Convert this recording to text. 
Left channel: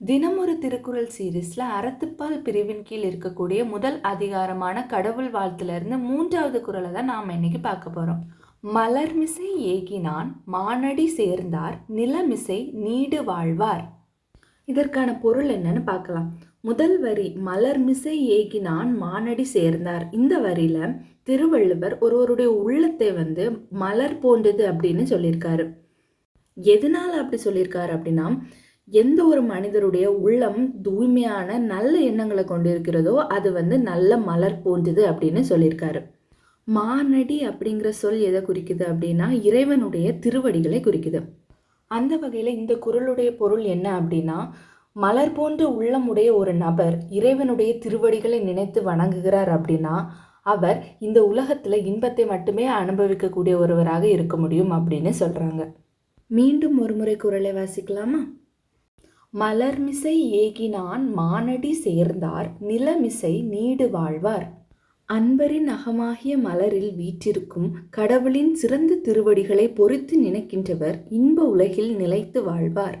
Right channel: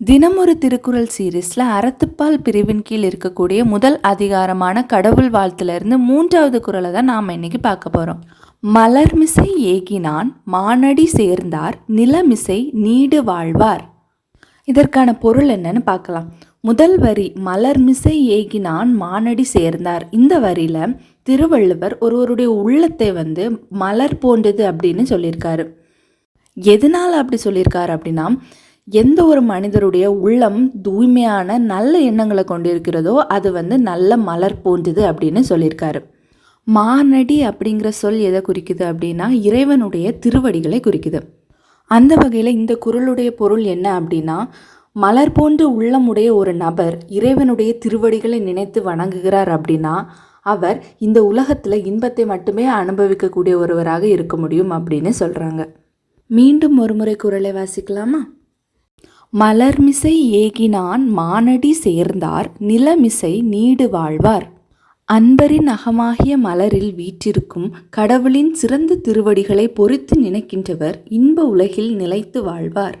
தினமொரு திருக்குறள் சீரீஸில் அறத்துப்பால் பிரிவின் கீழ் இருக்கக்கூடிய முதல் அதிகாரமான கடவுள் வாழ்த்துலேருந்து 3வது குறளை தான் நாம் இன்னைக்கு பார்க்க போகிறோம். மலர்மிசை ஏகினான் மானடி சேர்ந்தார் நிலமிசை நீடு வாழ்வார். இதற்கான பொருள் என்னன்னு பார்க்கலாம். முதல் வரி மலர்மிசை ஏகினான் மானடி சேர்ந்தார். இந்த வரியில் திருவள்ளுவர் ஒருவருடைய உள்ளத்தை மலர் போன்றது அப்படின்னு சொல்லியிருக்காரு. எதனால் அப்படி சொல்லியிருக்காரு அப்படின்னா, எந்த ஒரு மனிதருடைய உள்ளம் தூய்மையான நல்ல எண்ணங்களை கொண்டிருக்கிறதோ அது நல்ல மலர் போன்றது அப்படின்னு சொல்லியிருக்காரு. மானடி அப்படிங்கிற சொல் எதை குறிக்குது அப்படின்னா, இறைவனுடைய திருவடிகளை குறிக்குது. அந்த வகையில் இந்த குறளுடைய பொருள் என்ன அப்படின்னா, மலர் போன்று உள்ளமுடைய ஒரு நபர் இறைவனுடைய திருவடிகளை நினைத்து வணங்குகிறார் அப்படின்னா அவர் இந்த உலகத்தில் இன்பத்தை மட்டுமே அனுபவிக்கக்கூடிய ஒருவராக இருக்க முடியும் அப்படின்னு சொல்கிறாங்க. மீண்டும் ஒரு முறை குறளை வாசிக்கலாமா? மலர்மிசை ஏகினான் மானடி சேர்ந்தார் நிலமிசை நீடு வாழ்வார். அன்பரின் அகமாகிய மலரில் வீற்றிருக்கும் கடவுளின் சிறந்த திருவடிகளை பொறுத்து நினைக்கின்றவர் இன்ப உலகில் நிலைத்து வாழ்வார்.